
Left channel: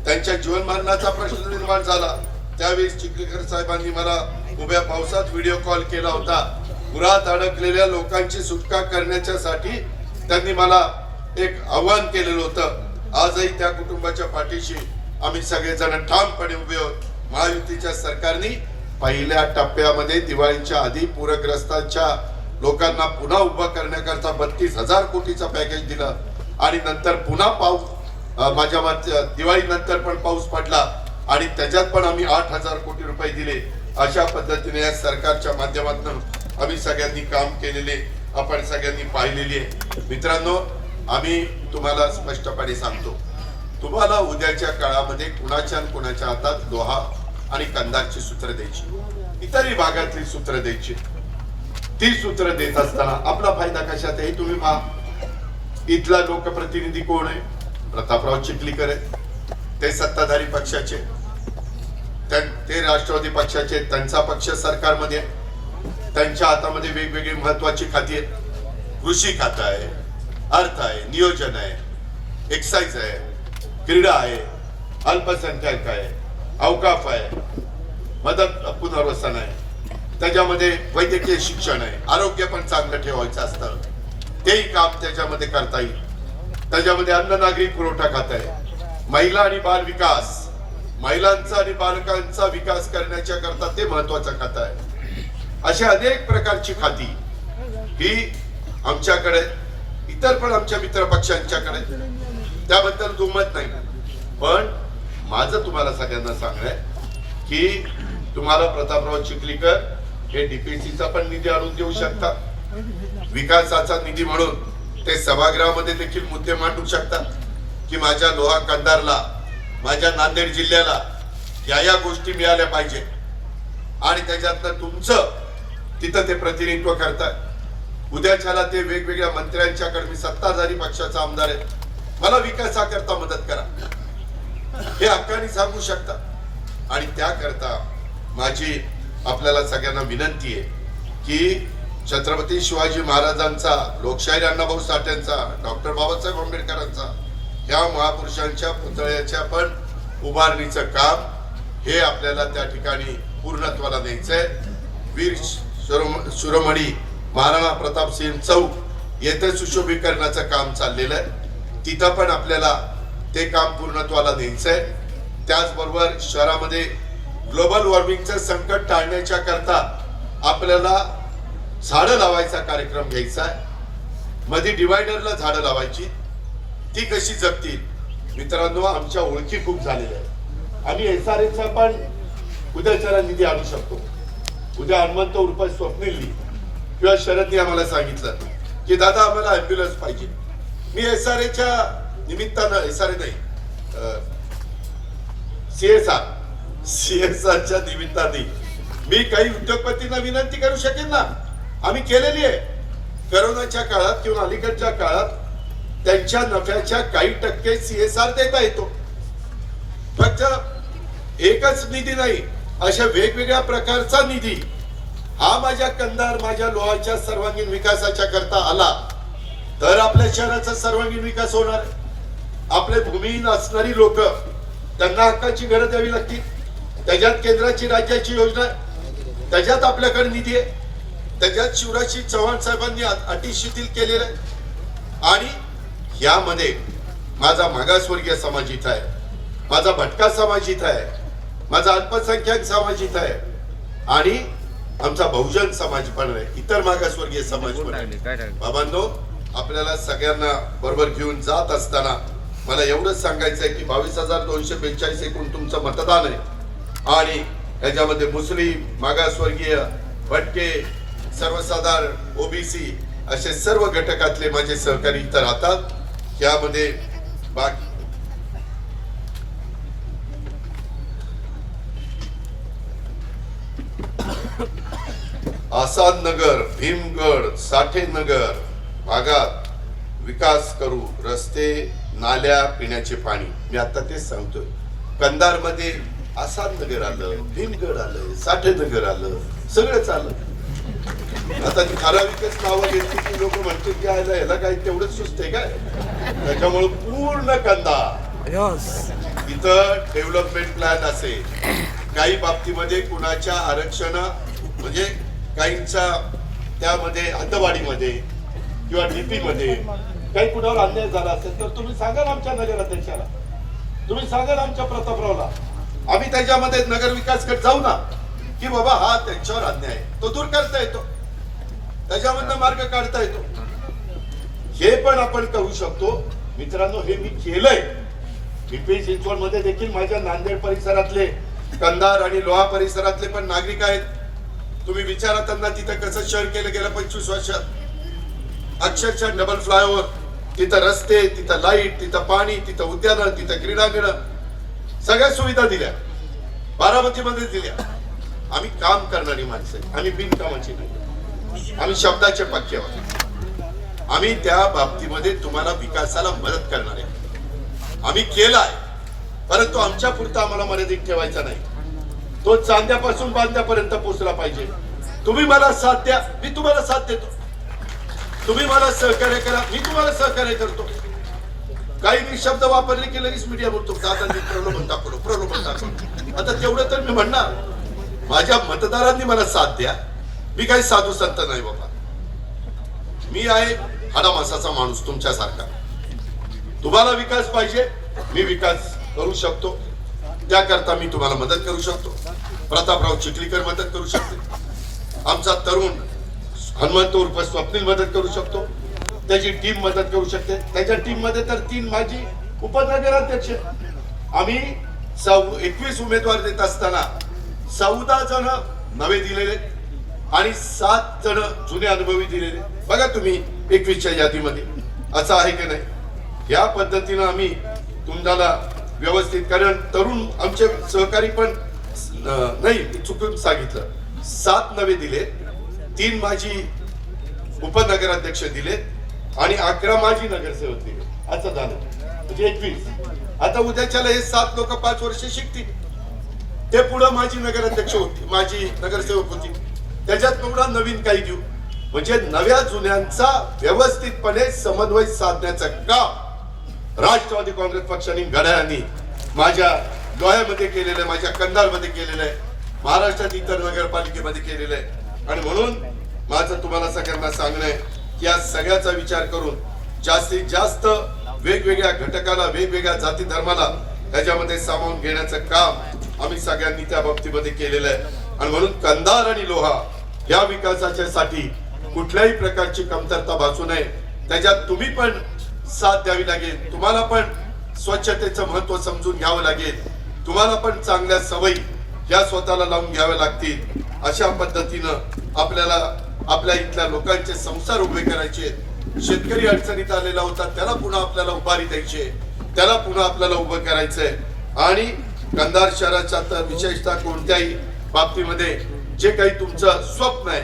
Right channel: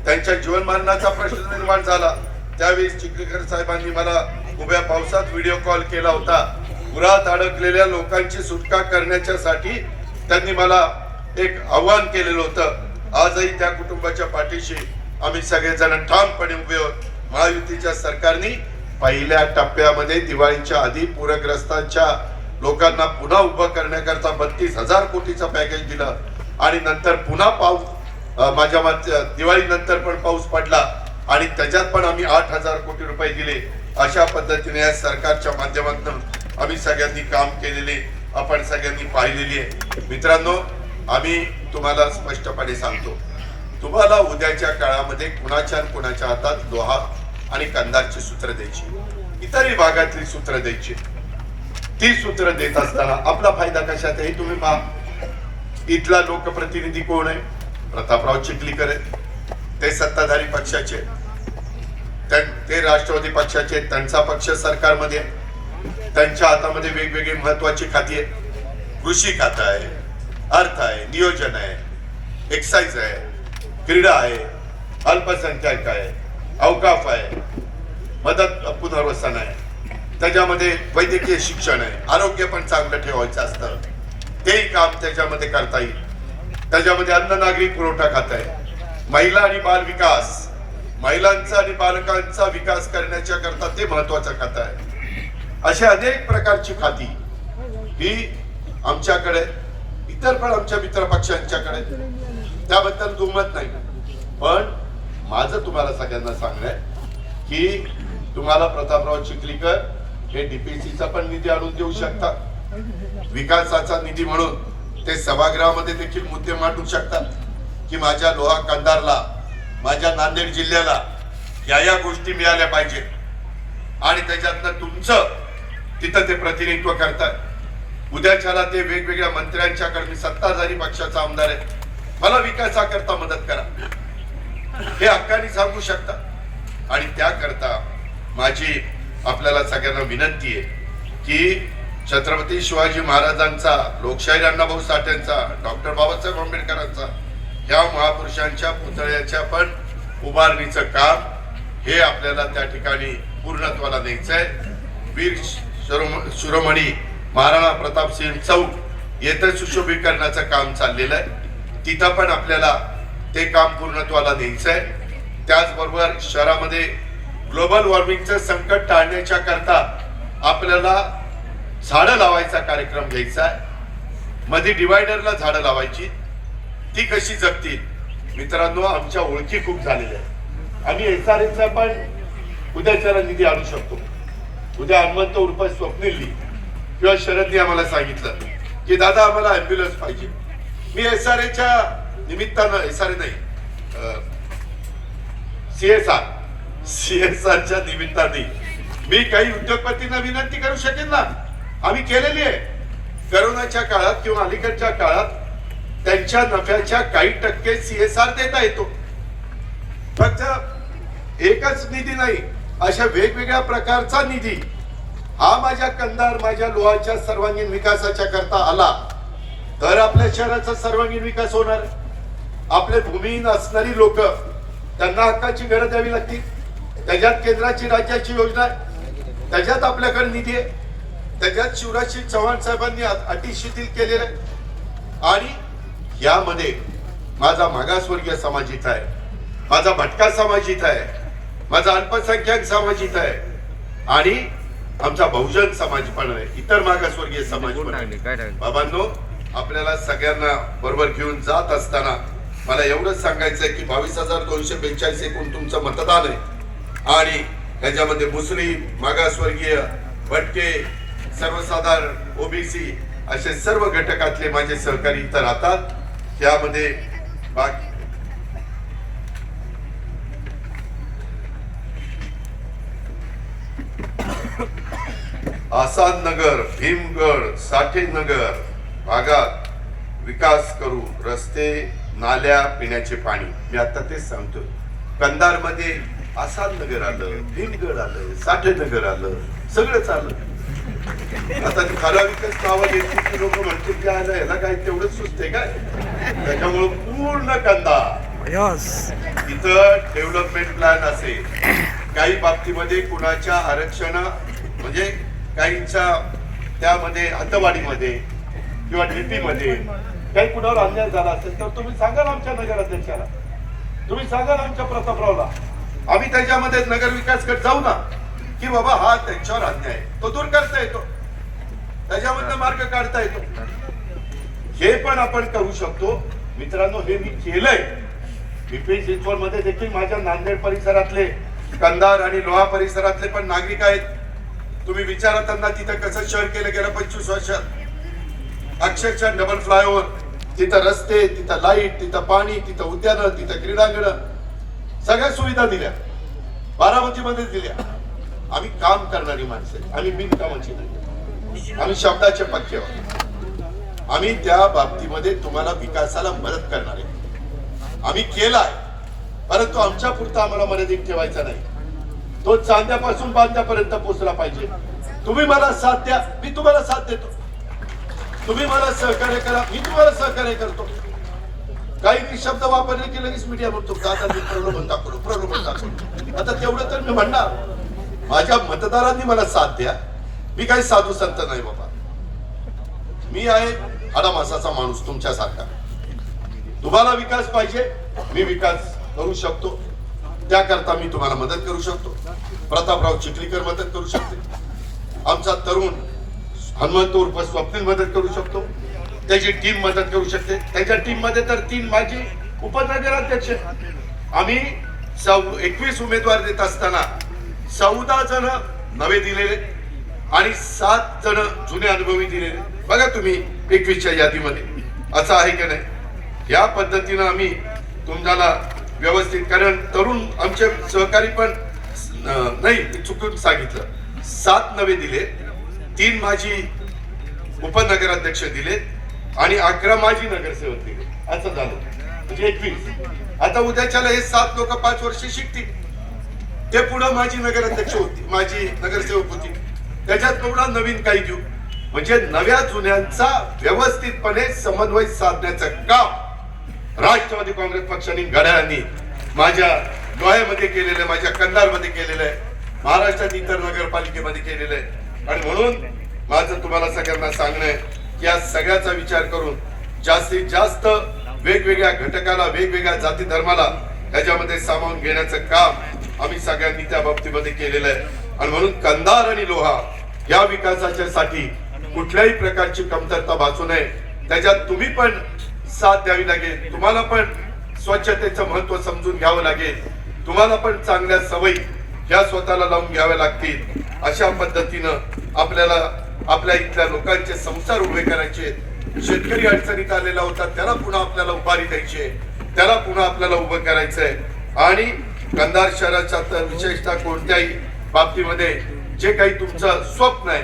त्यांच्या जीवनमरणाचा प्रश्न निर्माण झाला. त्यावेळी चिखलीकर साहेबांनी मला उभ्या पावसात व्हिडिओ कॉल केला होता. पुरात अडकलेल्या लोकांची सुटका करण्यासाठी त्यांनी मला एक आव्हान केलेलं होतं. आजही त्या कुटुंबाच्या पाठीशी आम्ही सगळेजण ठामपणे उभे आहोत. महायुतीच्या सरकारने पहिल्या टप्प्यामध्ये दिवाळीच्या आधी पूरग्रस्तांच्या लोकांना पुन्हा उभं करण्याकरता 32,000 कोटीचं पॅकेज दिलं आणि नंतर पुन्हा पाऊस माझ्या दिवाळी नंतर पण पाऊस पडला आणि त्याच्यात पण आम्ही 8,000 कोटी रुपये दिले. अशा पद्धतीने या सरकारच्या माध्यमातून आम्ही सगळ्यांनी काम केलेले आपण सगळ्यांनी पाहिलेली आहे. मित्रांनो, आम्ही तुम्हाला स्पष्टपणे सांगतो, तुम्हाला उद्याच्या काळामध्ये कुणाच्या हातात लोहा आणि कंधारची सूत्र द्यायची, इतरही भागातली सूत्र द्यायची. ती सूत्र देत असताना आपला फायदा कशात आहे तुम्ही पहा. इथला लोकप्रतिनिधी कोण आहे? प्रतापराव चिखलीकर आहे, ते सत्ताधारी पक्षाचे, ते राष्ट्रवादी पक्षाचे, त्यांचा पक्ष सरकारमध्ये, त्यांच्या हातामध्ये वेगवेगळी महत्वाची खाती आहेत. कृषी खातं आहे, अर्थ आहे, नियोजन आहे, एक्साइज आहे, क्रीडा आहे, अल्पसंख्याक आहे, अवकाफ आहे, मदत पुनर्वसन आहे, त्याच्यामध्ये वैद्यकीय शिक्षण आहे, आरोग्य पण चांगलं ठेवायचं असतं, तेही काम त्याच्यामध्ये करता येईल. त्याच्यामध्ये अन्न नागरी पुरवठा खातं आहे, महिला आणि बाल विकास, महिलांचा आणि बालकांचा विकास करण्याच्या करता ते महत्वाचं खातं आहे. अशा अनेक प्रकारची खाती ही आमच्याकडे, इतर पण आमच्या मित्र पक्षांच्याकडे, त्याबद्दल दुमत नाही. पण माझं तुम्हाला सगळ्यांना सांगणं आहे की तुम्हाला प्रतापराव चिखलीकर हे डीपीसीचा पण निधी आणून देऊ शकता, विकासाचा निधी म्हणून ते सभागृहामध्ये देखील मुद्दे मांडू शकतात की माझ्या लोहा कंधारला, माझ्या नांदेड जिल्ह्याला या गोष्टी मिळाल्या पाहिजे आणि त्याच्यातनं तुमचं तिथं ते प्रतिनिधित्व करताय. उद्याच्याला ते वेगवेगळ्या मंत्र्यांच्याकडे, मी सत्ताधारी पक्षाचा आमदार आहे, मला विकासाकरता मदत करा, हे हक्काने सांगू शकता. आणि त्याकरता माझी आपल्याला सगळ्यांना विनंती आहे की छत्रपती शिवाजी महाराजांचा, लोकशाहीर अण्णाभाऊ साठेंचा, डॉक्टर बाबासाहेब आंबेडकरांचा, या महापुरुषांच्या पुतळ्याच्या पण उभारणीचं काम हे आपल्याला त्या ठिकाणी पूर्णत्वाला न्यायचंय. वीर शिरोमणी महाराणा प्रताप सिंह चौक येथे सुशोभीकरणाचं काम चाललेलं आहे. तिथं पण आपल्याला ते काम पूर्णत्वाला न्यायचंय. त्याचबरोबर शहरामध्ये ग्लोबल वॉर्मिंगचं संकट टाळण्याच्या करता आपल्याला झाडं लावायचा कार्यक्रम घ्यायचा आहे. मध्ये डिवायडरला झाडं लावायची, ती कशी जगतील. मित्रांनो, आमच्या ओळखी खूप झालेल्या आहेत. आम्ही एसआरएचा पण उद्याच्याला निधी आणू शकतो. उद्या हनुमंत उर्फ स्वप्नीलनी किंवा शरदनी आम्हाला सांगितलं की दादा आम्हाला अँब्युलन्स पाहिजे. मी एसआरएच्या निमित्तानं, एसआरए नाही, सीएसआरच्या निमित्ताने मी काही उद्योगपतींना विनंती करू शकेन ना. आम्ही केलेली आहे. करोनाच्या काळात किंवा अलीकडच्या काळात त्यांच्या नफ्याच्या काही टक्के सीएसआर देता येतो. फक्त एकच निधी नाही, अशा वेगवेगळ्या प्रकारचा निधी हा माझ्या कंधार, माझ्या लोहाच्या सर्वांगीण विकासाच्या करता आला तर आपल्या शहराचा सर्वांगीण विकास होणार. आपले भूमिहीन असणारी लोक, त्यांना हक्काची घरं द्यावी लागतील. त्याच्यात केंद्राची, राज्याची योजना आहे, त्याच्यात आपल्याकडे निधी आहे, त्याच्यात शिवराज चव्हाण साहेबांनी अटी शिथिल केलेलं आहे. आणि यामध्ये माझा मागासवर्गीय समाज इथं आहे, माझा भटका समाज इथं आहे, माझा अल्पसंख्याक समाज इथं आहे आणि आमचा बहुजन समाज पण आहे, इतर मागासवर्गीय समाज पण आहे. बाबांनो, आपल्याला सगळ्यांना बरोबर घेऊन जात असताना मला एवढंच सांगायचं आहे की 22,242 एकूण तुमचं मतदान आहे. आणि त्याच्यामध्ये मुस्लिम, मागासवर्गीय, भटके, सर्वसाधारण, ओबीसी असे सर्व घटकातले माझे सहकारी इथं राहतात. यामध्ये बाकी आसाद नगर, भीमगड, साठे नगर भागात विकास करू. रस्ते, नाल्या, पिण्याचे पाणी. मी आता तेच सांगतोय. कंधार मध्ये आसाद नगर आलं, भीमगड आलं, साठे नगर आलं, सगळंच आलं. आता ठराविकच नावं घेतली की लोक म्हणते की ह्याला काय तेवढंच सुचते काय. त्याच्यामुळे पूर्ण कंधार इथं डेव्हलपमेंट प्लॅन असेल. काही बाबतीमध्ये कुणाच्या आरक्षण म्हणजे काहींच्या त्यामध्ये हद्दवाढीमध्ये किंवा डीपी मध्ये काही कुणावर अन्याय झाला असेल तर तुम्ही सांगाल आमच्या नगराध्यक्षाला, तुम्ही सांगाल आमच्या प्रतापरावला. आम्ही त्याच्यामध्ये नगर विकास करत जाऊ ना की बाबा हा त्यांच्यावर अन्याय तो दूर करता येतो, त्याच्यामधनं मार्ग काढता येतो. हे पण आपण करू शकतो. मित्रांनो, हे मी केलंय. पिंपरी चिंचवड मध्ये देखील माझ्या नांदेड परिसरातले, कंधार आणि लोहा परिसरातले पण नागरिक आहेत. तुम्ही विचारा त्यांना तिथं कसं शहर केलं गेलं 25 वर्षात. अक्षरशः डबल फ्लायओव्हर, तिथं रस्ते, तिथं लाईट, तिथं पाणी, तिथं उद्यानं, तिथं क्रीडांगण, सगळ्या सुविधा दिल्या. बारामतीमध्ये दिल्या. आम्ही काम करणारी माणसं, आम्ही बिनकामाची नाही, आम्ही शब्दाचे पक्के आहोत. आम्ही त्या बाबतीमध्ये तुम्हाला विकासाला मदत करणार आहे. आम्ही केलाय, परंतु आमच्या पुरता आम्हाला मर्यादित ठेवायचा नाही. तो चांद्यापासून बांध्यापर्यंत पोहोचला पाहिजे. तुम्ही मला साथ द्या, मी तुम्हाला साथ देतो. तुम्ही मला सहकार्य करा, मी तुम्हाला सहकार्य करतो. काही शब्द वापरले की लगेच मीडिया म्हणतो प्रलोभन दाखवलं. आता तेवढं तर मी म्हणणार, माझ्या मतदारांनी मला साथ द्या. मी काही साधू संत नाही बाबा. मी आहे हाडामासाचा माणूस तुमच्यासारखा. तुम्हाला विकास पाहिजे, मी विकास करू शकतो. त्याकरता मी तुम्हाला मदत करू शकतो. प्रतापराव चिखलीकर मदत करू शकते. आमचा तरुण हनुमंत उर्फ स्वप्नील मदत करू शकतो. त्याची टीम मदत करू शकते. त्याच्या टीम मध्ये तर 3 माजी उपनगराध्यक्ष. आम्ही 21 उमेदवार देत असताना 14 जण नवे दिलेले आणि 7 जण जुने अनुभवी दिलेले. बघा तुम्ही 21च्या यादीमध्ये असं आहे की नाही. या पद्धतीनं आम्ही तुम्हाला व्यवस्थित, कारण तरुण आमचे सहकारी पण नाही, चुकून सांगितलं, 7 नवे दिले, 3 माजी उपनगराध्यक्ष दिले आणि 11 माजी नगरसेवक दिले. असं झालं. म्हणजे 21. आता उद्याच्याला हे 7 लोक 5 वर्ष शिकतील. ते पुढे माझी नगराध्यक्ष होती, माझी नगरसेवक होती. त्याच्यात पुढे नवीन काही घेऊ, म्हणजे नव्या जुन्यांचा व्यवस्थितपणे समन्वय साधण्याचं काम राष्ट्रवादी काँग्रेस पक्षाने घड्याळांनी माझ्या लोह्यामध्ये केलेलं, माझ्या कंधारमध्ये केलेलं आहे, महाराष्ट्रात इतर नगरपालिकेमध्ये केलेलं आहे. आणि म्हणून माझं तुम्हाला सगळ्यांना सांगणं आहे की या सगळ्याचा विचार करून जास्तीत जास्त वेगवेगळ्या घटकाला, वेगवेगळ्या जाती धर्माला त्याच्यामध्ये सामावून घेण्याचं काम आम्ही सगळ्यांनी त्या बाबतीमध्ये केलेलं आहे. आणि म्हणून कंधार आणि लोहा या विकासाच्या साठी कुठल्याही प्रकारची कमतरता भासू नये. त्याच्यात तुम्ही पण साथ द्यावी लागेल, तुम्हाला पण स्वच्छतेचं महत्व समजून घ्यावं लागेल, तुम्हाला पण चांगल्या सवयी या स्वतःला लावून घ्याव्या लागतील. अशा पद्धतीनं आपल्याला आपल्या इथल्या लोकांचे संसार उभे करायचे. शेतकरी अडचणीत आलेला होता, त्याला पुन्हा आपल्याला उभारी द्यायची, त्याला पुन्हा आपल्याला उभं करायचंय. आणि कंधार शहराच्या तर विशेषतः कोणत्याही बाबतीमध्ये जे काही तुमचं स्वप्न आहे,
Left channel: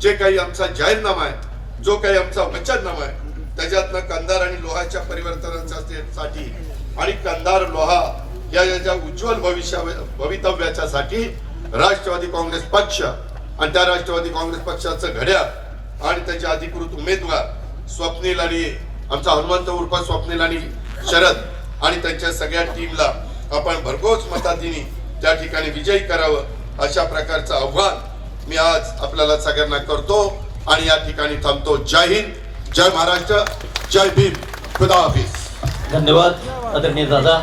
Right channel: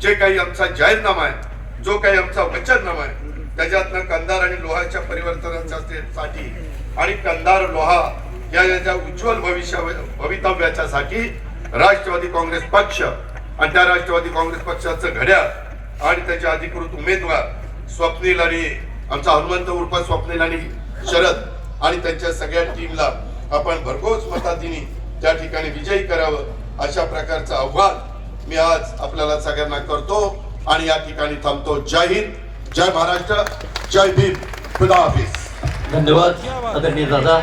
जे काही आमचा जाहीरनामा आहे, जो काही आमचा वचननामा आहे, त्याच्यातनं कंधार आणि लोहाच्या परिवर्तनासाठी आणि कंधार लोहा या याच्या उज्ज्वल भवितव्याच्या साठी राष्ट्रवादी काँग्रेस पक्ष आणि त्या राष्ट्रवादी काँग्रेस पक्षाचं घड्याळ आणि त्याचे अधिकृत उमेदवार स्वप्नील आणि आमचा हनुमंत उर्फ स्वप्नील आणि शरद आणि त्यांच्या सगळ्या टीमला आपण भरघोस मतांनी त्या ठिकाणी विजयी करावं, अशा प्रकारचं आव्हान मी आज आपल्याला सगळ्यांना करतो आणि या ठिकाणी थांबतो. जय हिंद, जय महाराष्ट्र, जय भीम, खुदा हाफिज. धन्यवाद आदरणीय दादा.